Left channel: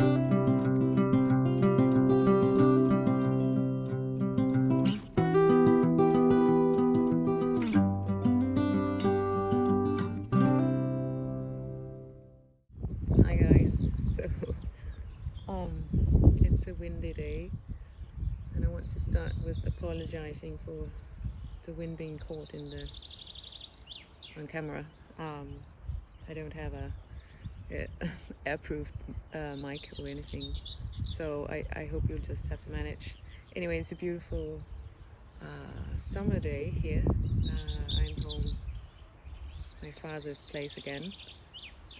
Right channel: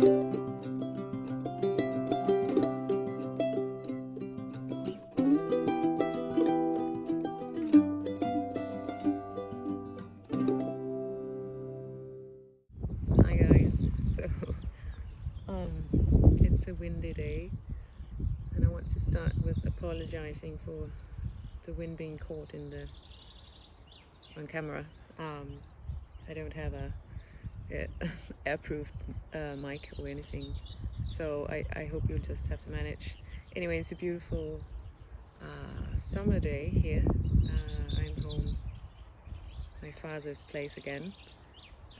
Hi guys. So um it's a windy day and I want to start with apologizing for the wind being caught in the on camera. Um I don't have a airproof mic or anything. So I hope you'll just have to manage. Anyway, it's a beautiful summer day here. I'm home my father's place again.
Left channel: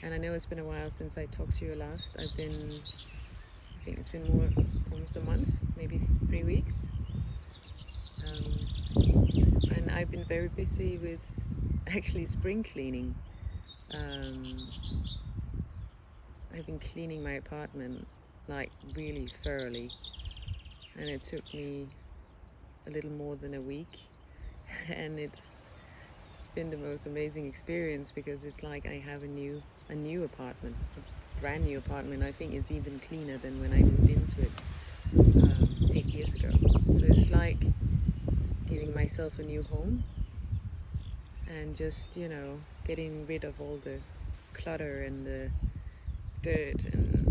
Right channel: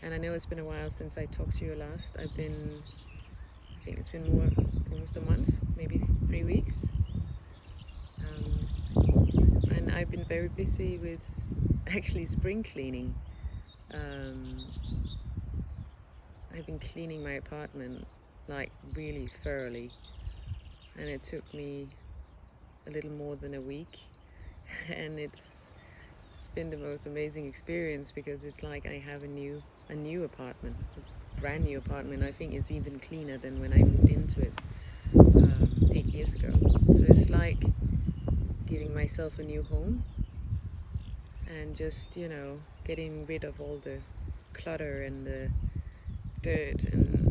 And I know it's been a while since I talked to you last. I think it's been almost a month, maybe 3 weeks. And I've been very busy with actually spring cleaning. I've been cleaning my apartment like really thoroughly, and it took me a little more than a week. And it's been the most amazing experience because it's like I have a new apartment, a brand new apartment. I think it's even cleaner than when I moved into it 8 years ago. So it's like giving myself a new home and just, getting rid of all the clutter and the dirt and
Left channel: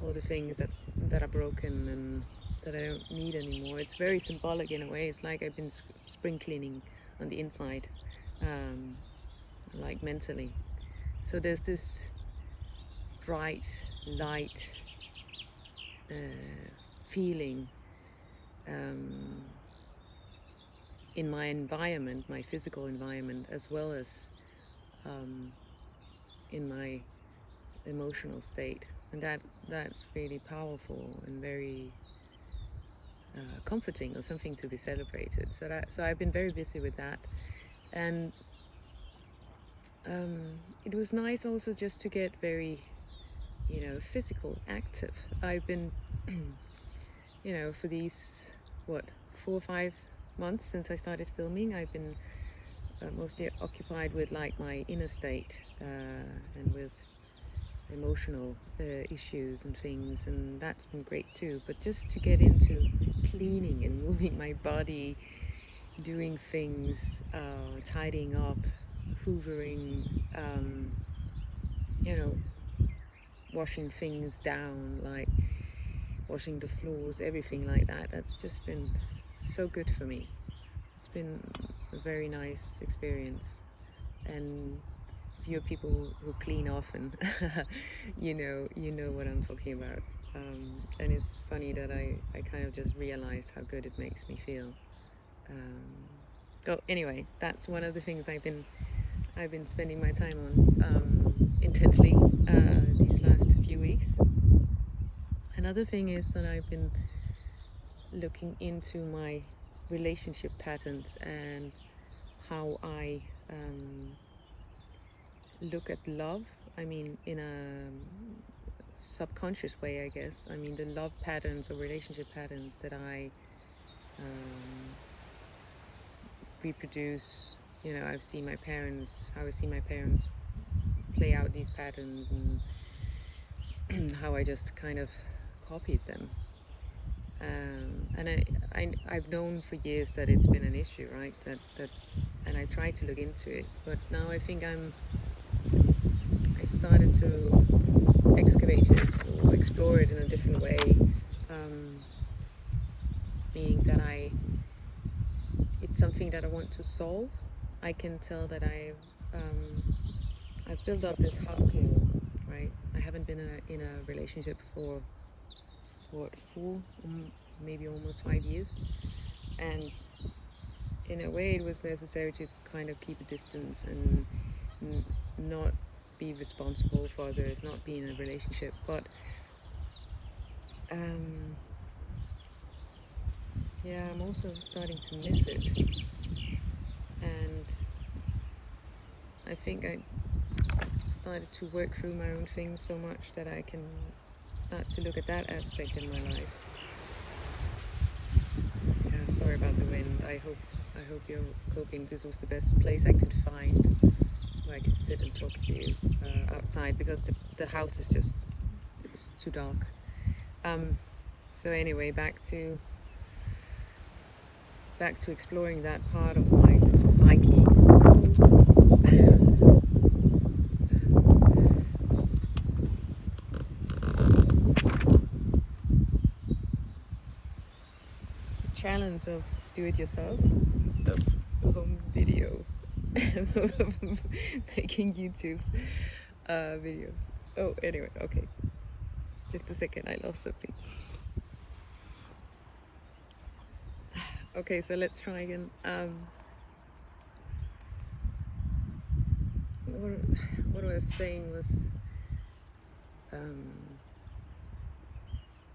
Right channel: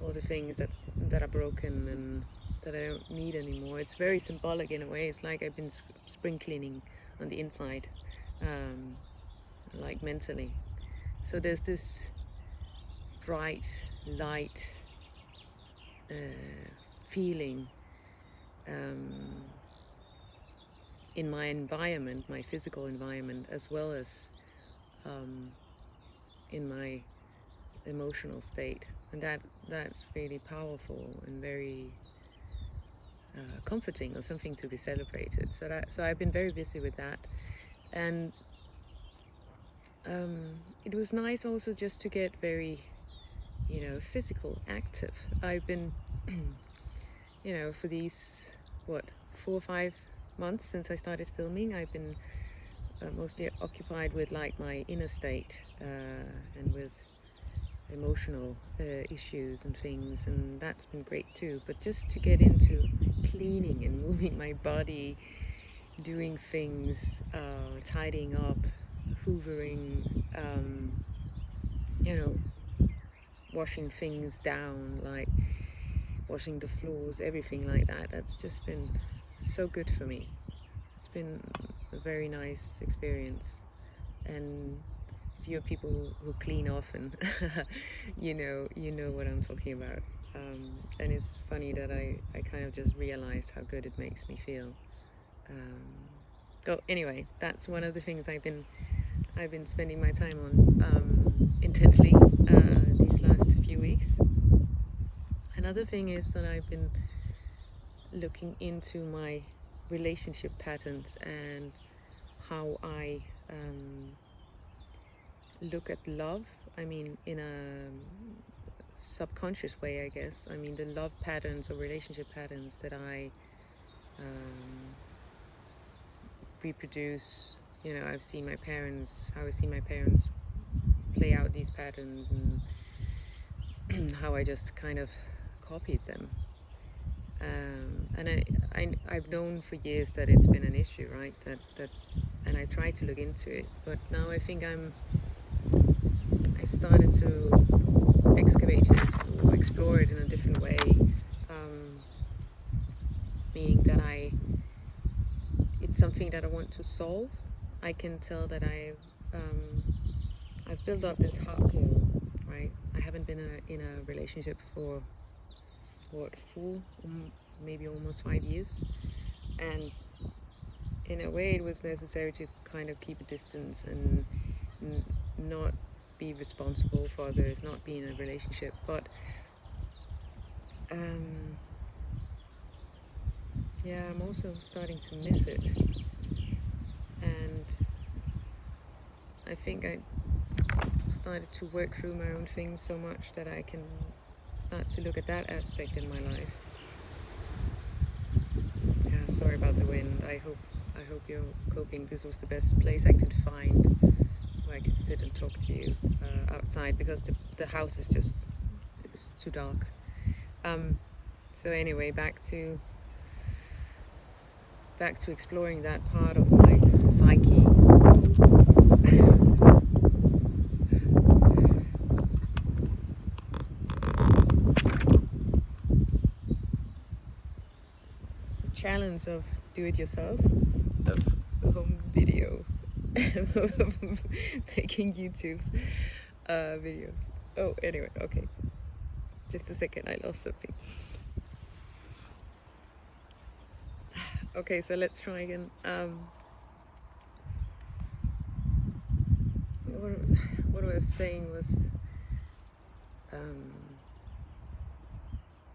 all the things that are broken and that I don't need anymore. It's very symbolic in a way. It's like I've been spring cleaning on the inside, like mentally. So there's this bright light feeling in my environment, my physical environment, as well as in my emotional state, and that's really powerful and very comforting, or something to be celebrated. So I've been very busy with that, and it was nice also just to get very physical active. I've been for these 4 or 5 months since I started filming, I've been mostly occupied with like my inner state and with emotional issues and things, and that's been great too. But just to get into cleaning and moving my body, doing things, tidying up, hoovering, washing things down, like washing the floors, everything like that, that's just been so good for me. It's been a very nice experience. And if you're people who clean often, you know what I'm talking about. And it's funny that I kind of just realized how good it makes me feel. Anyway, that's one of the things I've been spending my time on intensely these last few weeks. Another thing is that I've been looking into my relationship patterns and how I look at love. I mean, in a subconscious way, I guess. I mean, the love patterns or relationship patterns that I reproduce. I've seen my parents, how I see my parents play out these patterns, and how I just kind of copied them. And I've known for years that it's been an issue, right? And I try to look into it, but now I think I started to excavate it or explore it in a different way, meaning that it's something that I want to solve. I can tell that I've built up this heart wall, right? I haven't been in a relationship for 4, maybe almost 5 years, and in a way it was necessary to kind of keep a distance and not be responsible for others, not be in a relationship. But I'm also starting to miss it, and I think I started to work through my own things so much that I can start to look at that aspect in my life. Yeah, sorry about the wind. I hope you're coping. This was the best place I could find where I could sit and talk to you outside, because the house is just it's too dark. So anyway, back to exploring that part of my psyche. Challenge of do-it-yourself, of home video, of making YouTube's videos. Oh, anyway, okay. Just a second, I lost something. Okay, so let's try again. What I was saying was,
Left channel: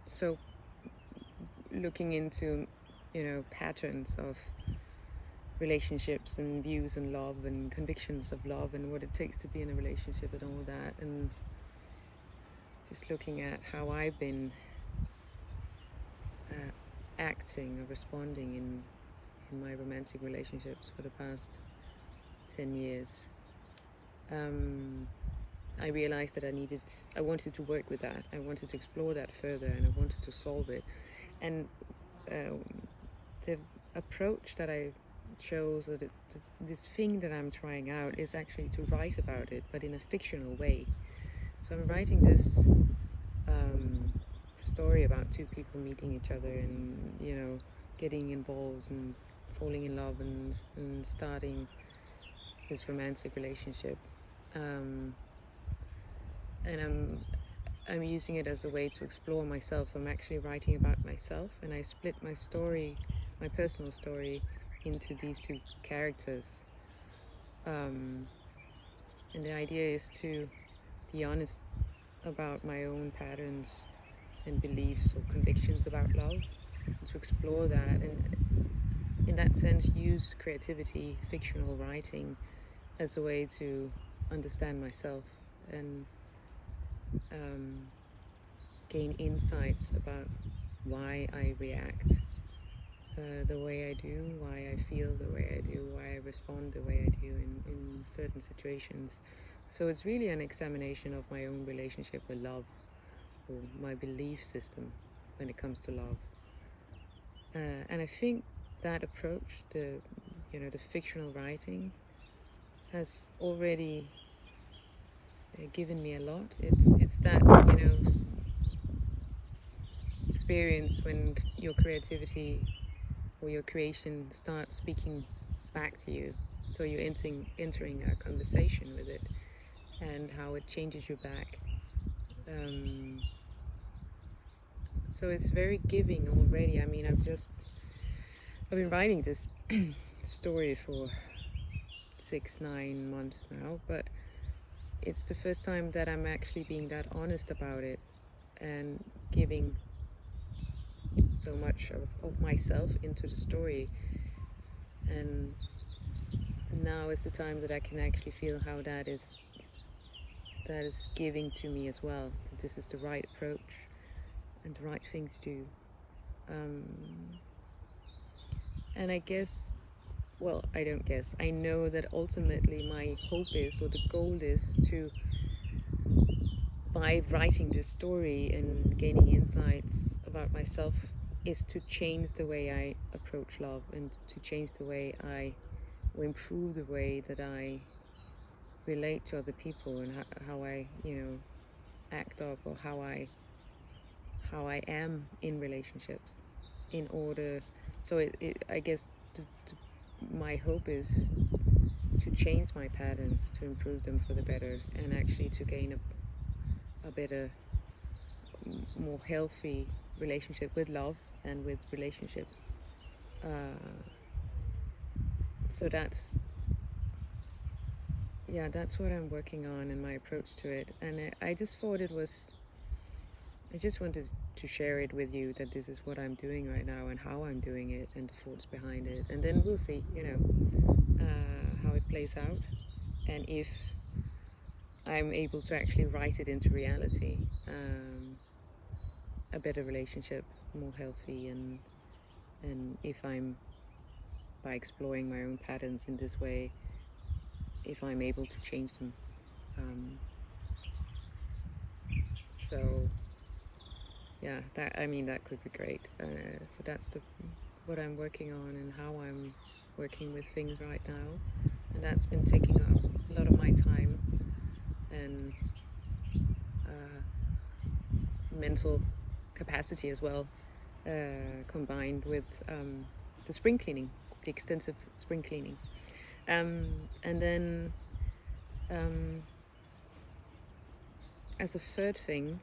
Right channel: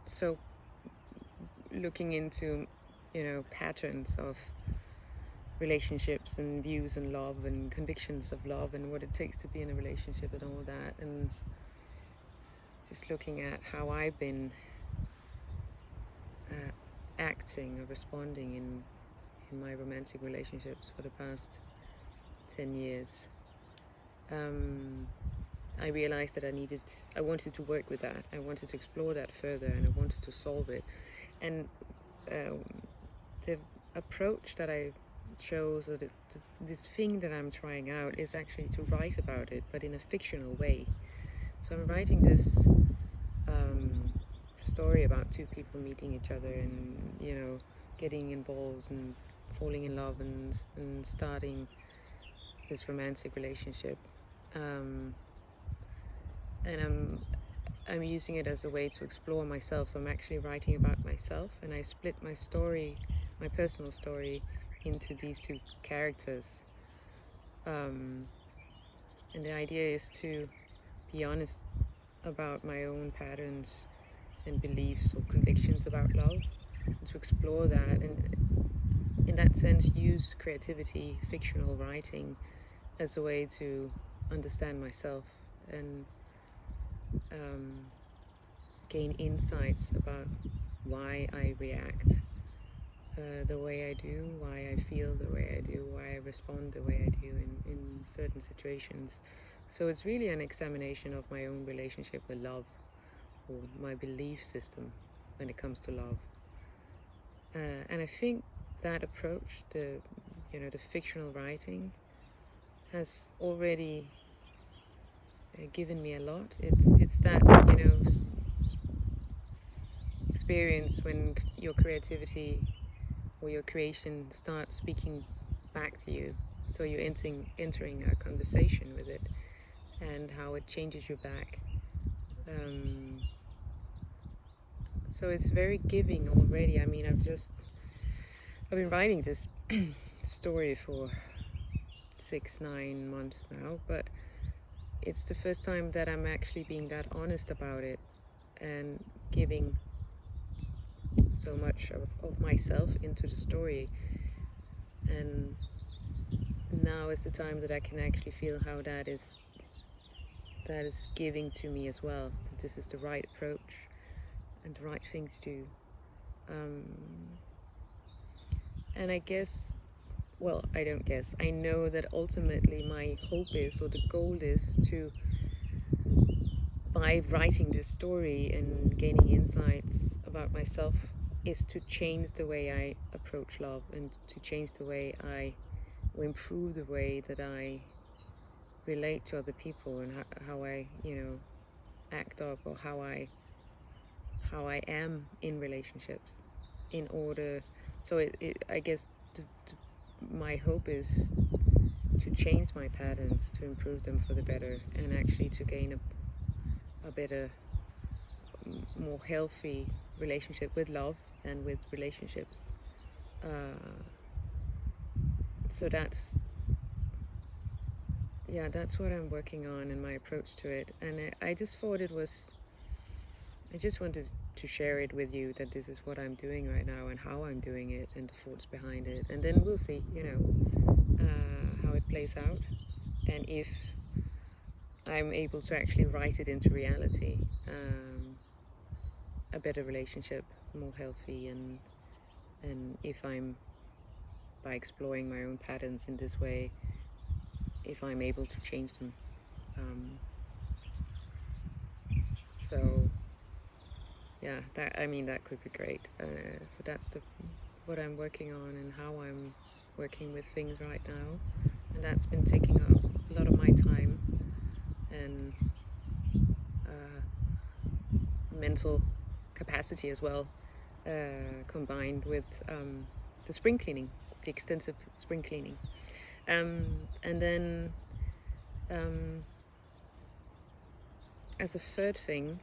so looking into, patterns of relationships and views and love and convictions of love and what it takes to be in a relationship and all that, and just looking at how I've been acting or responding in my romantic relationships for the past 10 years. I realized that I wanted to work with that. I wanted to explore that further, and I wanted to solve it. And the approach that I chose, or this thing that I'm trying out, is actually to write about it, but in a fictional way. So I'm writing this story about two people meeting each other and, getting involved and falling in love and starting this romantic relationship. And I'm using it as a way to explore myself. So I'm actually writing about myself, and I split my story, my personal story, into these two characters. And the idea is to be honest about my own patterns and beliefs or convictions about love, and to explore that, and in that sense use creativity, fictional writing, as a way to understand myself and gain insights about why I react the way I do, why I feel the way I do, why I respond the way I do in certain situations. So it's really an examination of my own relationship with love, or my belief system when it comes to love. And I think that approach, the fictional writing, has already given me a lot. It's that experience when your creativity or your creation starts speaking back to you. So you're entering a conversation with it, and how it changes you back. So it's very giving already. I mean, I've been writing this story for 6-9 months now, but it's the first time that I'm actually being that honest about it and giving so much of myself into the story. And now is the time that I can actually feel how that is giving to me as well, that this is the right approach and the right thing to do. And I guess, well, I don't guess, I know that ultimately my hope is, or the goal is, to, by writing this story and gaining insights about myself, is to change the way I approach love, and to change the way or improve the way that I relate to other people, and how I act up, or how I am in relationships, in order. So I guess my hope is to change my patterns, to improve them for the better, and actually to gain a better, more healthy relationship with love and with relationships. So that's what I'm working on in my approach to it. And I just thought I just wanted to share it with you, that this is what I'm doing right now and how I'm doing it and the thoughts behind it. And then we'll see, how it plays out, and if I'm able to actually write it into reality, a better relationship, more healthy, and if I'm, by exploring my own patterns in this way, if I'm able to change them. So yeah, that could be great. So that's what I'm working on and how I'm working with things right now, and that's been taking up a lot of my time and mental capacity as well, combined with the spring cleaning, the extensive spring cleaning. And then as a third thing,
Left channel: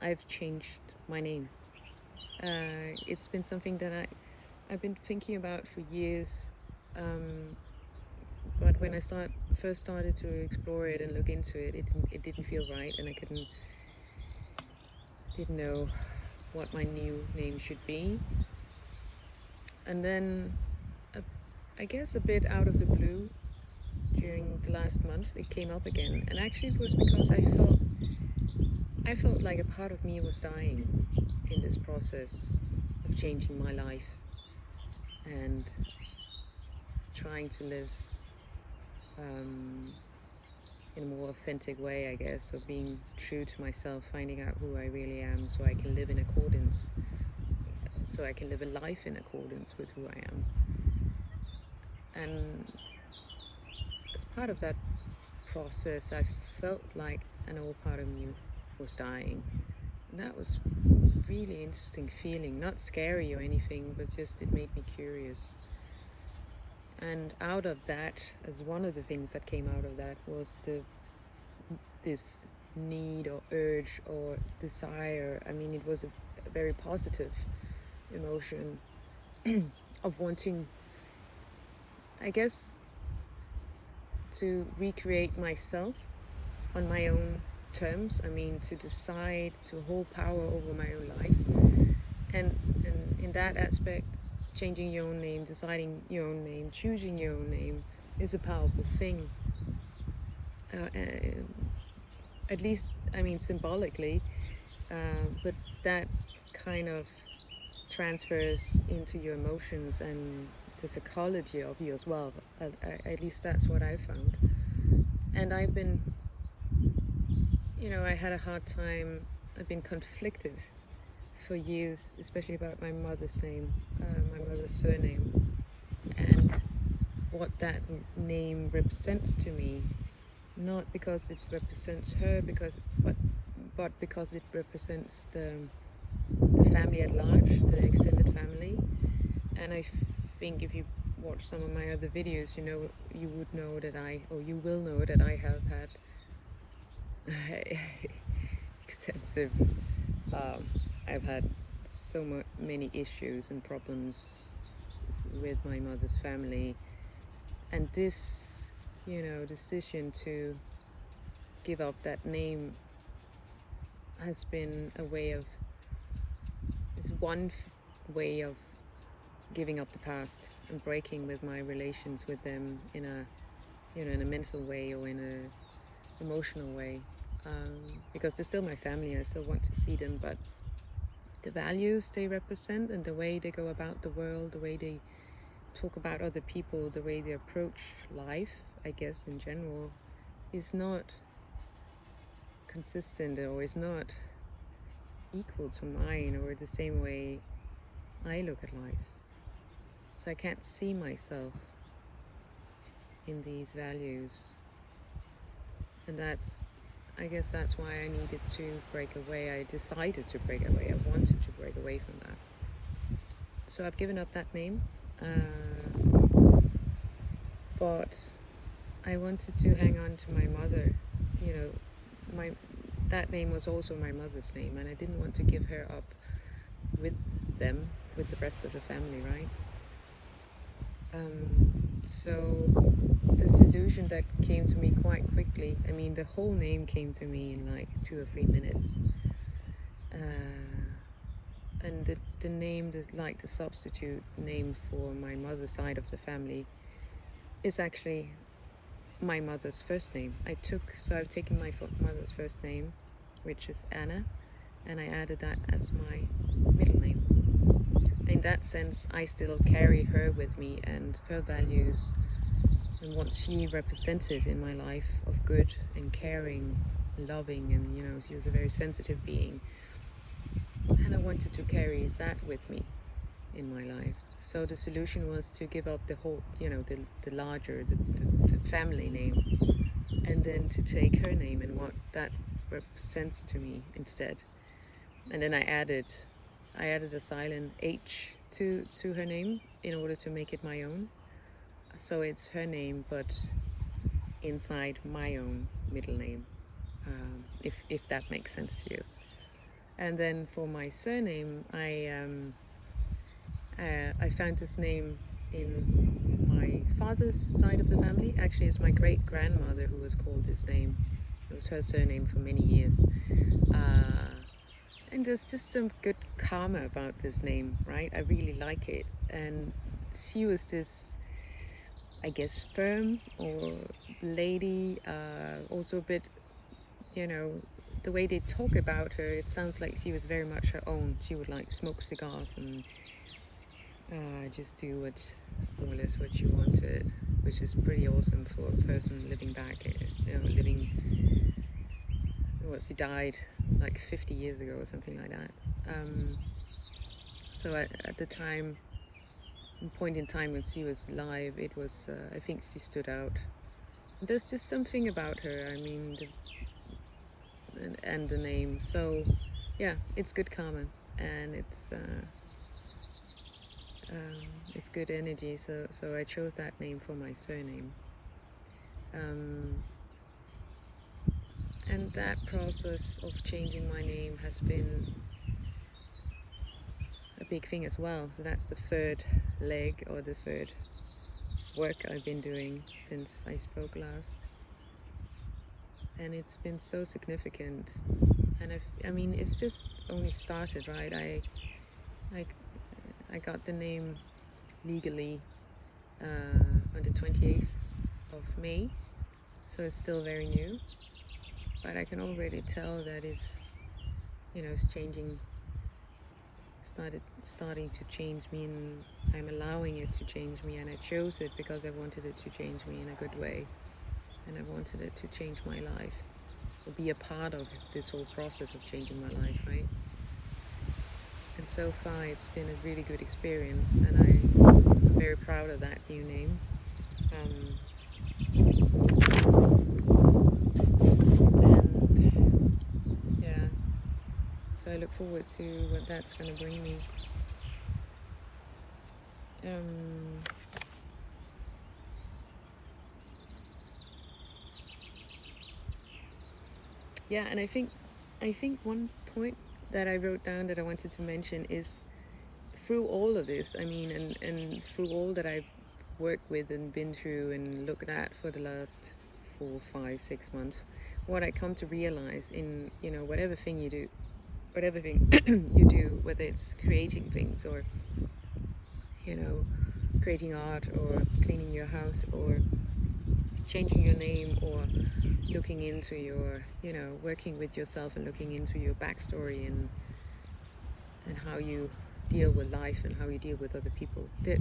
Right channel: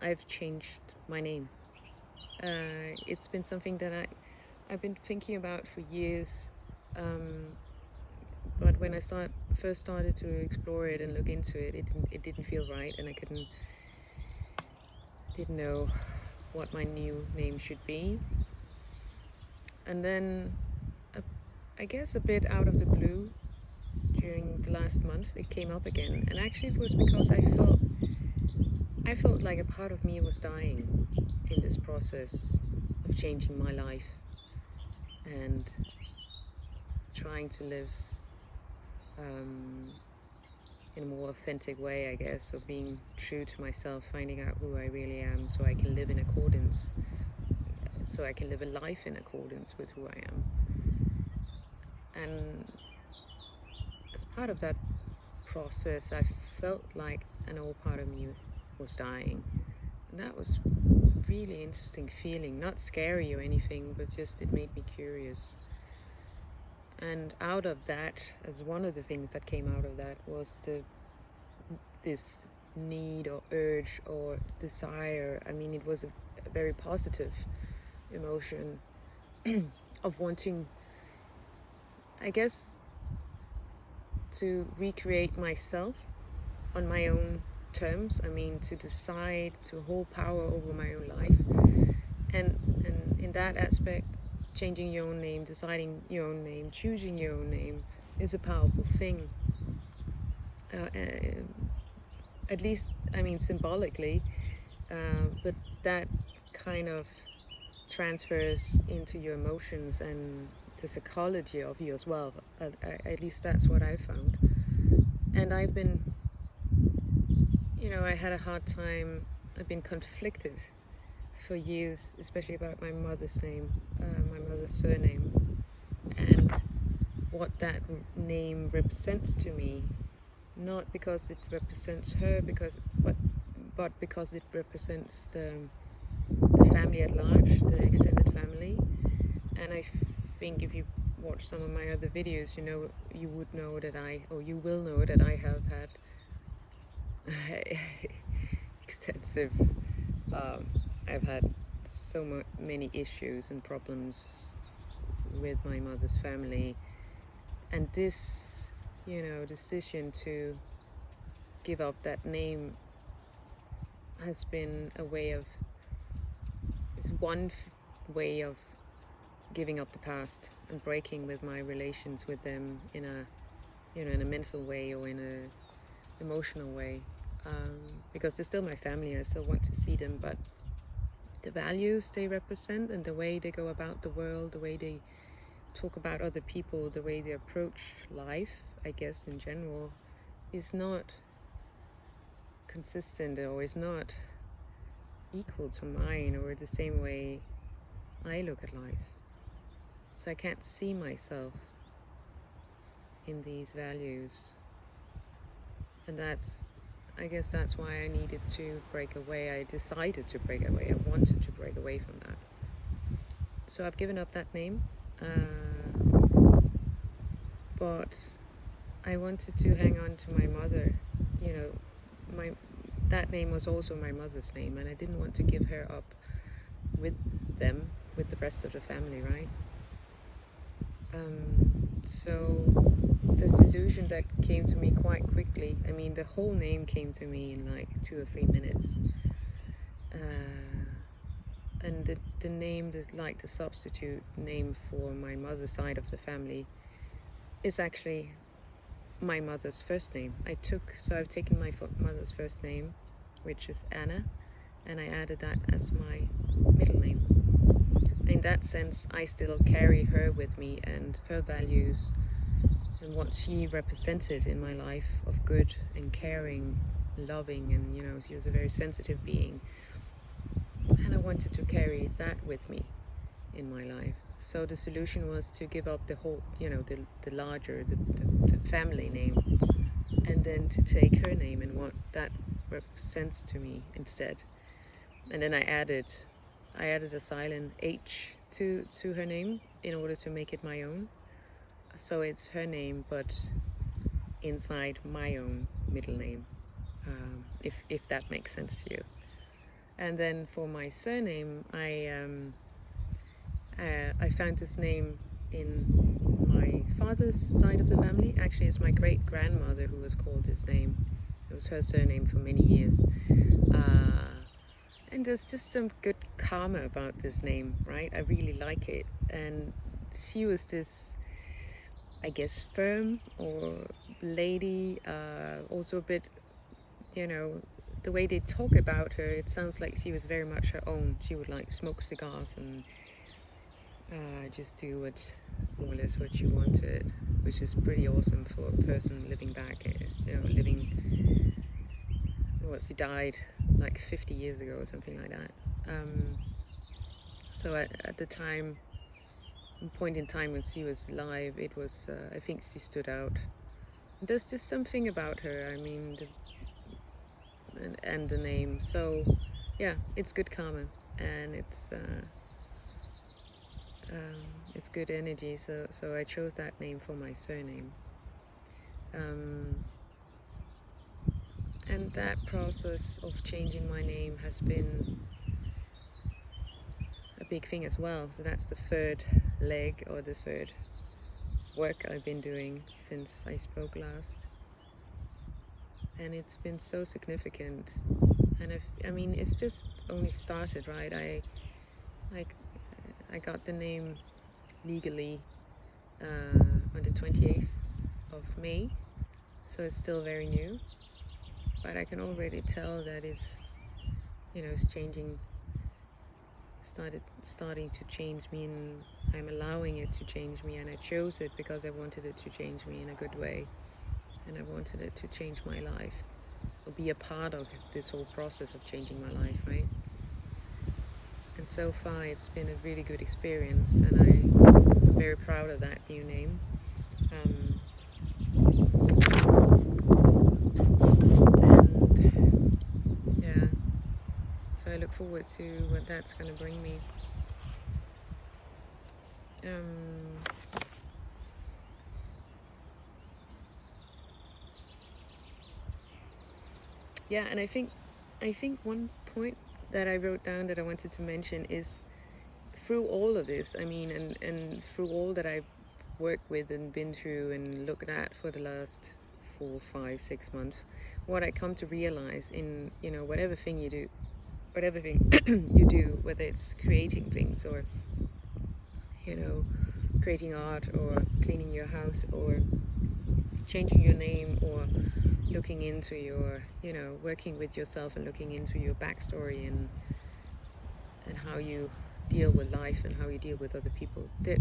I've changed my name. It's been something that I've been thinking about for years, but when I first started to explore it and look into it, it didn't feel right, and I didn't know what my new name should be. And then, I guess a bit out of the blue, during the last month, it came up again, and actually it was because I felt like a part of me was dying in this process of changing my life and trying to live in a more authentic way, I guess, or being true to myself, finding out who I really am, so I can live in accordance, so I can live a life in accordance with who I am. And as part of that process, I felt like an old part of me was dying, and that was really interesting feeling, not scary or anything, but just it made me curious. And out of that, as one of the things that came out of that, was this need or urge or desire. I mean, it was a very positive emotion of wanting, I guess, to recreate myself on my own terms. I mean, to decide, to hold power over my own life. And in that aspect, changing your own name, deciding your own name, choosing your own name is a powerful thing. At least, I mean, symbolically, but that kind of transfers into your emotions and the psychology of you as well. At least that's what I found. And I've been, I had a hard time. I've been conflicted for years, especially about my mother's name, my mother's surname, and what that name represents to me. Not because it represents her, but because it represents the family at large, the extended family. And I think if you watch some of my other videos, you will know that I have had extensive. I've had so many issues and problems with my mother's family, and this, decision to give up that name has been it's one way of giving up the past and breaking with my relations with them in a mental way or in a emotional way, because they're still my family. I still want to see them, but the values they represent and the way they go about the world, the way they talk about other people, the way they approach life, I guess in general, is not consistent or is not equal to mine or the same way I look at life. So I can't see myself in these values, and I guess that's why I needed to break away. I decided to break away. I wanted to break away from that. So I've given up that name, but I wanted to hang on to my mother. That name was also my mother's name, and I didn't want to give her up with them, with the rest of the family, right? So the solution that came to me quite quickly, I mean, the whole name came to me in like 2 or 3 minutes. And the name, like the substitute name for my mother's side of the family, is actually my mother's first name. I've taken my mother's first name, which is Anna, and I added that as my middle name. In that sense, I still carry her with me and her values and what she represented in my life of good and caring loving, and she was a very sensitive being, and I wanted to carry that with me in my life. So the solution was to give up the whole, the larger, the family name, and then to take her name and what that represents to me instead. And then I added a silent H to her name in order to make it my own. So it's her name, but inside my own middle name, if that makes sense to you. And then for my surname, I found this name in my father's side of the family. Actually, it's my great-grandmother who was called this name. It was her surname for many years. And there's just some good karma about this name, right? I really like it. And she was this, I guess, firm or lady, also a bit, the way they talk about her, it sounds like she was very much her own. She would like smoke cigars and just do more or less what she wanted, which is pretty awesome for a person living back, she died like 50 years ago or something like that. So at the point in time when she was alive, it was, I think she stood out. There's just something about her, I mean, and the name. So yeah, it's good karma, and it's good energy. So I chose that name for my surname. And that process of changing my name has been a big thing as well. So that's the third leg, or the third work I've been doing since I spoke last. And it's been so significant. And I mean, it's just only started, right? I got the name legally on the 28th of May, so it's still very new. But I can already tell that it's changing, starting to change me, and I'm allowing it to change me, and I chose it because I wanted it to change me in a good way, and I wanted it to change my life, or be a part of this whole process of changing my life, right? And so far it's been a really good experience, and I'm very proud of that new name. And yeah, so I look forward to what that's going to bring me. Yeah, and I think one point that I wrote down that I wanted to mention is, through all of this, I mean, and through all that I've worked with and been through and looked at for the last 4, 5, 6 months, what I come to realize in whatever thing you do, whether it's creating things, or creating art, or cleaning your house, or changing your name, or looking into your, working with yourself and looking into your backstory and how you deal with life and how you deal with other people. The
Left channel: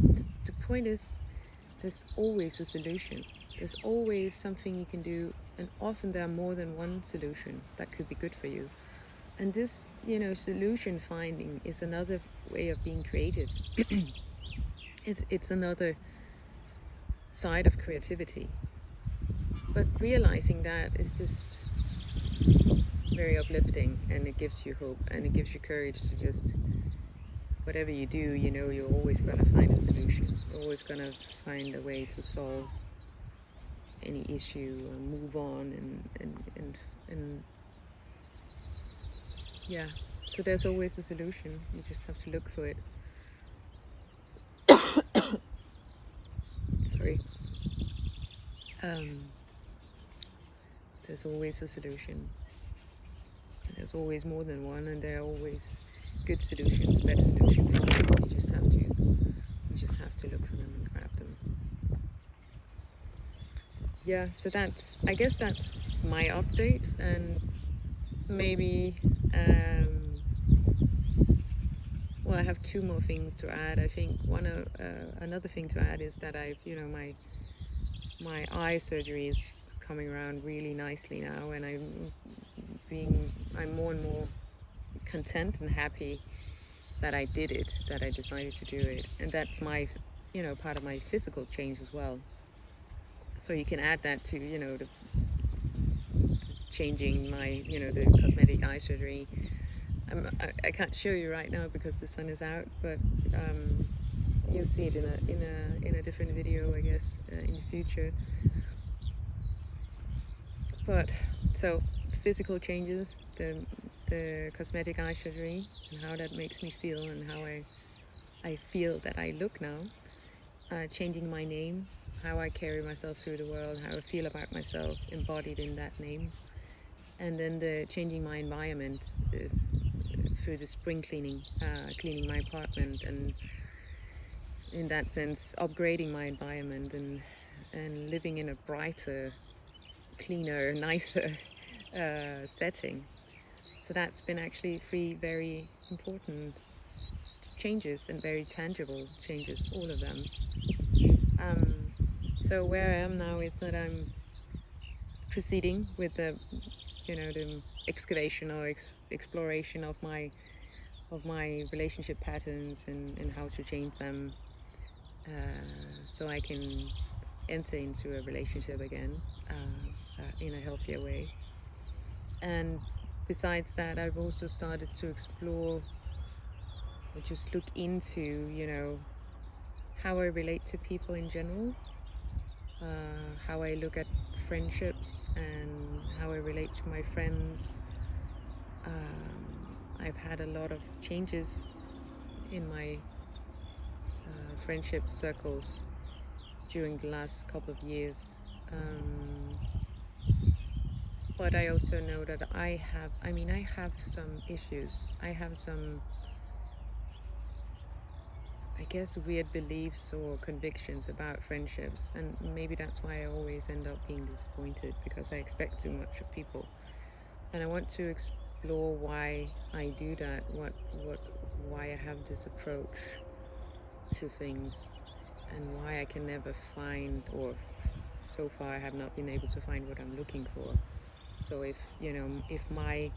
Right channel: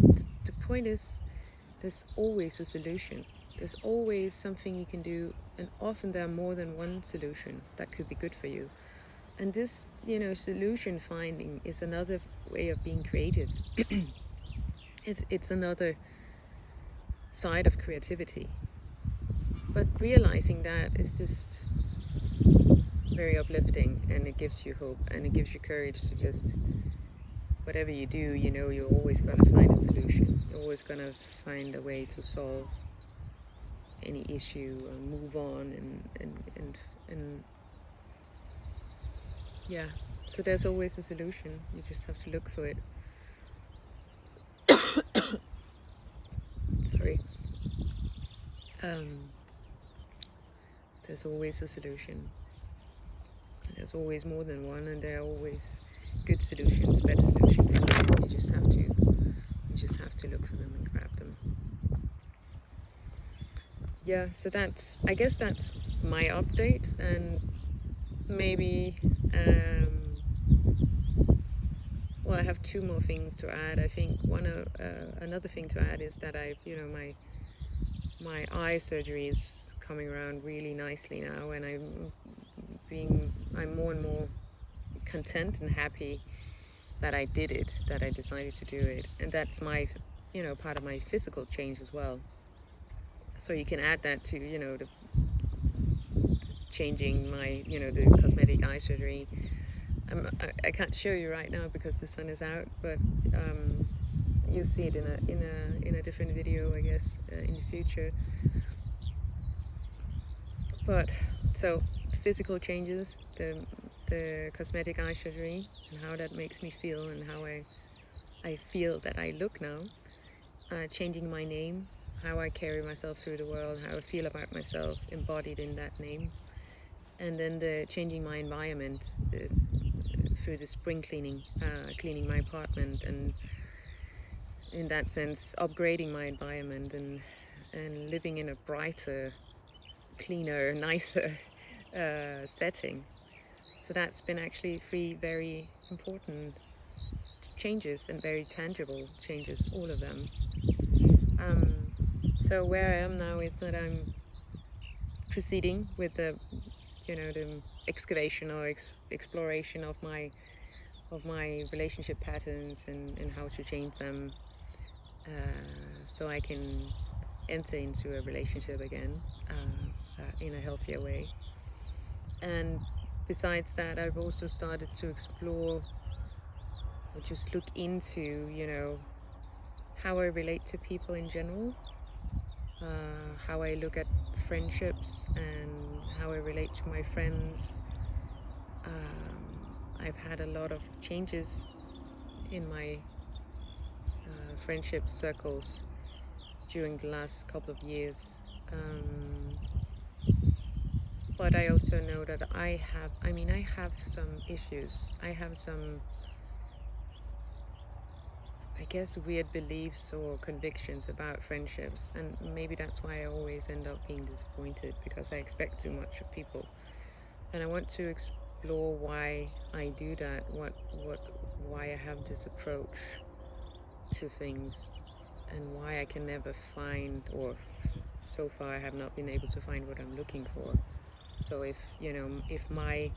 point is, there's always a solution. There's always something you can do, and often there are more than one solution that could be good for you. And this, solution finding is another way of being creative. It's another side of creativity. But realizing that is just very uplifting, and it gives you hope, and it gives you courage to just, whatever you do, you're always going to find a solution. You're always going to find a way to solve any issue and move on, and yeah. So there's always a solution. You just have to look for it. Sorry. There's always a solution. There's always more than one, and there are always good solutions, better solutions for you. You just have to look for them and grab them. Yeah, so I guess that's my update, and maybe well, I have 2 more things to add. I think another thing to add is that I've my eye surgery is coming around really nicely now, and I'm I'm more and more content and happy that I did it, that I decided to do it. And that's my, part of my physical change as well. So you can add that to, the changing my, the cosmetic eye surgery. I can't show you right now because the sun is out, but you'll see it in a different video, I guess, in the future. But so physical changes, the cosmetic eye surgery, and how that makes me feel, and how I feel that I look now. Changing my name, how I carry myself through the world, how I feel about myself embodied in that name. And then the changing my environment through the spring cleaning, cleaning my apartment, and in that sense upgrading my environment and living in a brighter, cleaner, nicer setting. So that's been actually 3 very important changes, and very tangible changes, all of them. So where I am now is that I'm proceeding with the excavation or exploration of my relationship patterns, and how to change them, so I can enter into a relationship again in a healthier way. And besides that, I've also started to explore, or just look into, how I relate to people in general, how I look at friendships, and how I relate to my friends. I've had a lot of changes in my friendship circles during the last couple of years. But I also know that I have some issues. I have some, I guess, weird beliefs or convictions about friendships, and maybe that's why I always end up being disappointed, because I expect too much of people. And I want to explore why I do that, why I have this approach to things, and why I can never find, or so far I have not been able to find what I'm looking for. So if my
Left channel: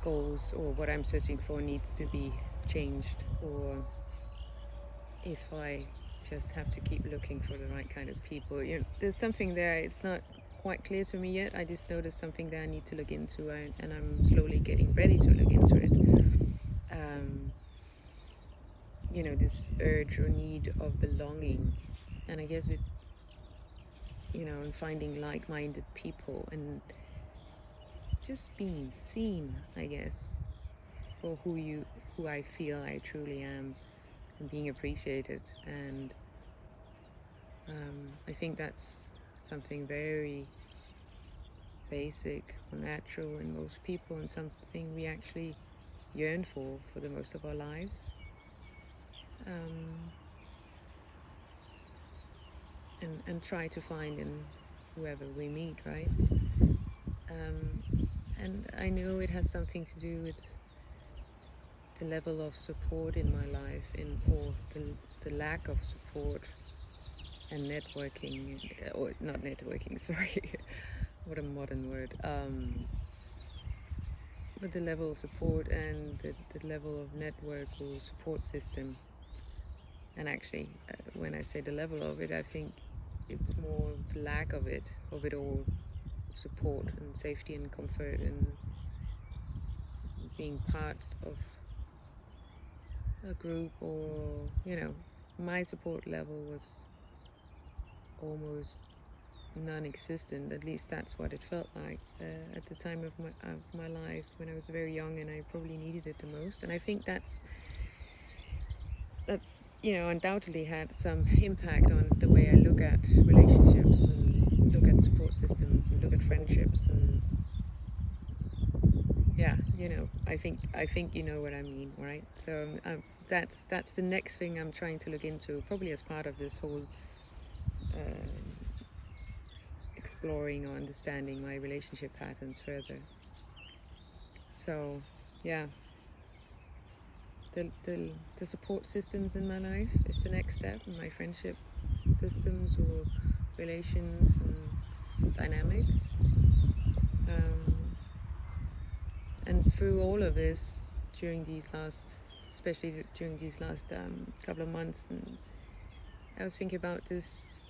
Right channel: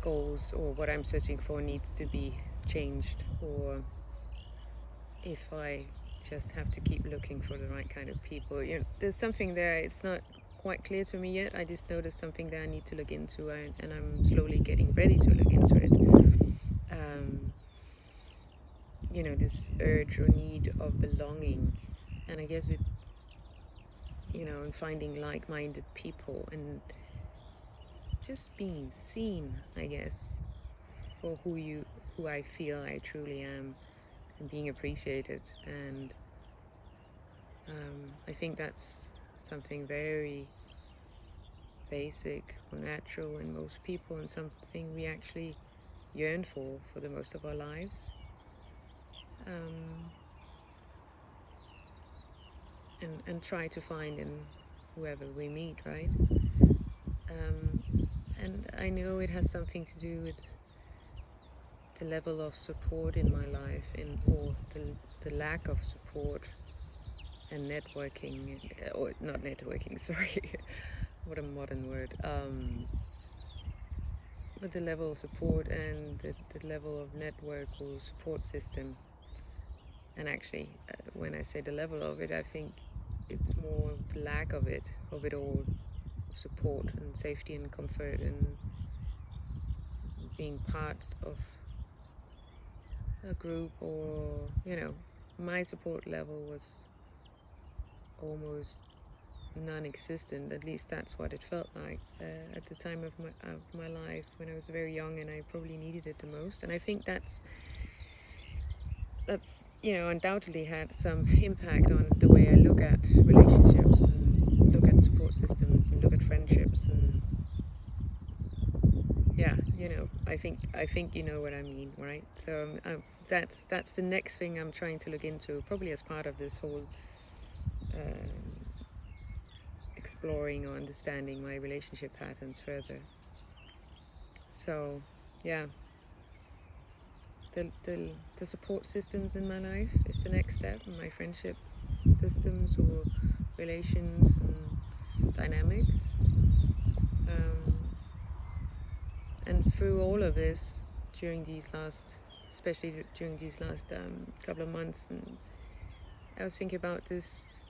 goals or what I'm searching for needs to be changed, or if I just have to keep looking for the right kind of people, there's something there. It's not quite clear to me yet. I just know there's something there I need to look into, and I'm slowly getting ready to look into it. This urge or need of belonging, and I guess it, and finding like-minded people, and just being seen, I guess, for who I feel I truly am, and being appreciated. And I think that's something very basic or natural in most people, and something we actually yearn for the most of our lives. And try to find in whoever we meet, right? And I know it has something to do with the level of support in my life, or the lack of support and networking, or not networking, sorry, what a modern word. But the level of support, and the level of network or support system. And actually, when I say the level of it, I think it's more the lack of it all, of support and safety and comfort, and being part of a group, or my support level was almost non-existent. At least that's what it felt like at the time of my life, when I was very young, and I probably needed it the most. And I think that's undoubtedly had some impact on the way I look at relationships, and look at support systems, and look at friendships. And yeah, I think you know what I mean, right? So that's the next thing I'm trying to look into, probably as part of this whole exploring or understanding my relationship patterns further. So yeah, the support systems in my life is the next step, in my friendship systems or relations and dynamics. And through all of this, during these last, especially during these last couple of months, and I was thinking about this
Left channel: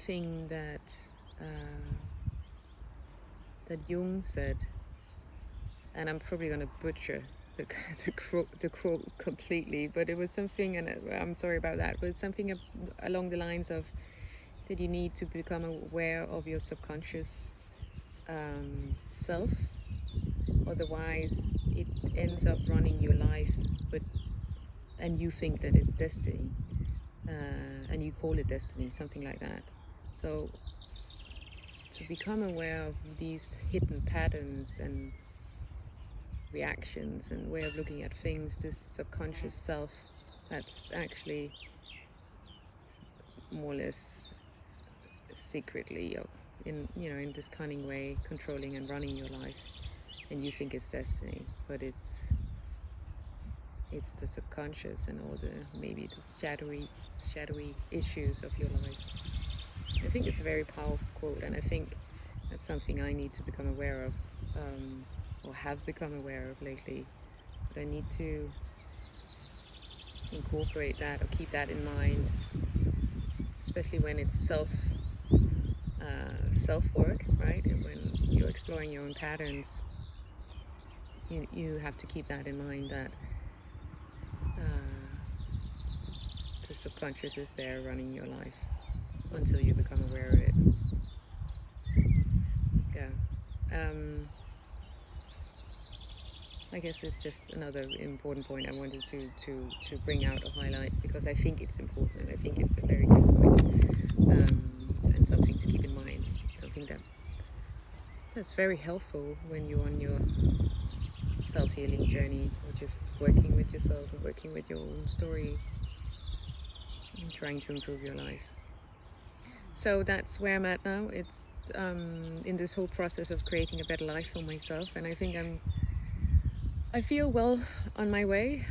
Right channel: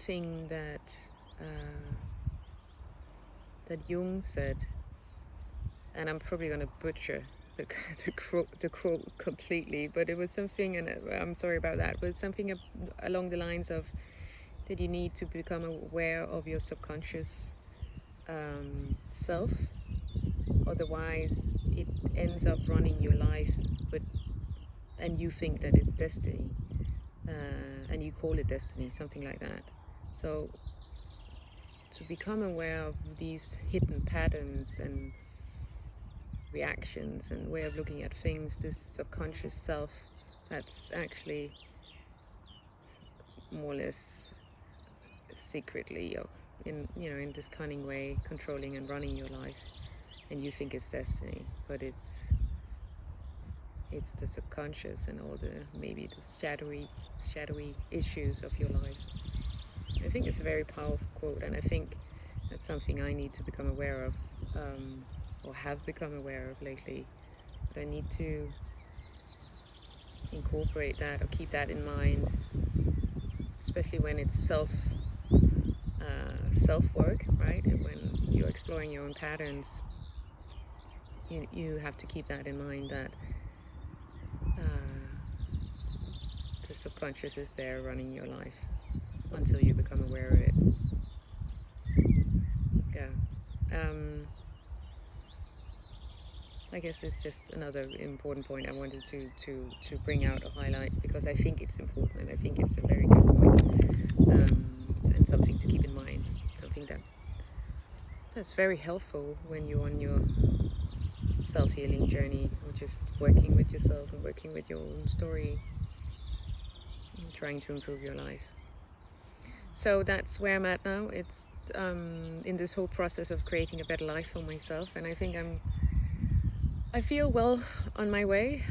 thing that that Jung said, and I'm probably going to butcher the quote completely, but it was something, and I'm sorry about that, but something along the lines of that you need to become aware of your subconscious self, otherwise it ends up running your life, and you think that it's destiny, and you call it destiny, something like that. So to become aware of these hidden patterns and reactions and way of looking at things, this subconscious self that's actually more or less secretly, in this cunning way, controlling and running your life, and you think it's destiny, but it's the subconscious and all the maybe the shadowy issues of your life. I think it's a very powerful quote, and I think that's something I need to become aware of, or have become aware of lately. But I need to incorporate that or keep that in mind, especially when it's self-work, right? And when you're exploring your own patterns, you have to keep that in mind, that the subconscious is there running your life until you become aware of it. Yeah. I guess it's just another important point I wanted to bring out or highlight, because I think it's important, and I think it's a very good point, and something to keep in mind, something that's very helpful when you're on your self-healing journey, or just working with yourself and working with your own story and trying to improve your life. So that's where I'm at now. It's in this whole process of creating a better life for myself, and I think I feel well on my way.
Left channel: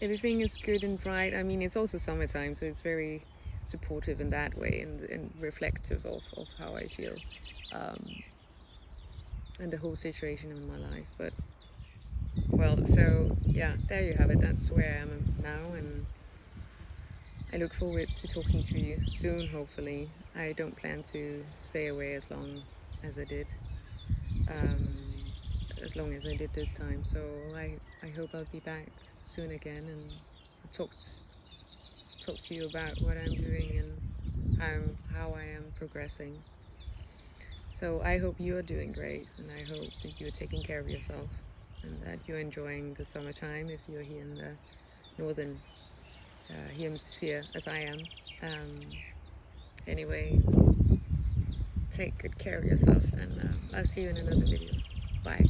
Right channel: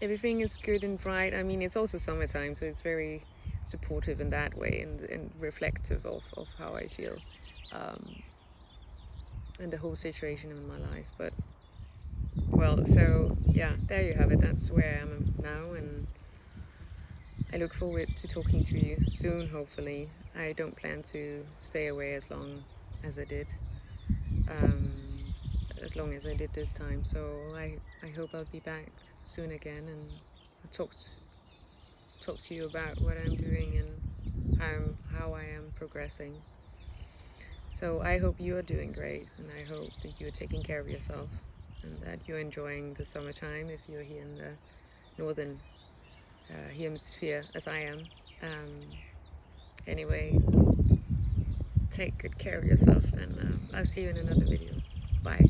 Everything is good and bright. I mean, it's also summertime, so it's very supportive in that way, and reflective of how I feel, and the whole situation in my life. But well, so yeah, there you have it. That's where I am now, and I look forward to talking to you soon, hopefully. I don't plan to stay away as long as I did. As long as I did this time, so I hope I'll be back soon again, and talk to you about what I'm doing and how I am progressing. So I hope you are doing great, and I hope that you're taking care of yourself, and that you're enjoying the summertime if you're here in the northern hemisphere, as I am. Anyway, take good care of yourself, and I'll see you in another video. Bye.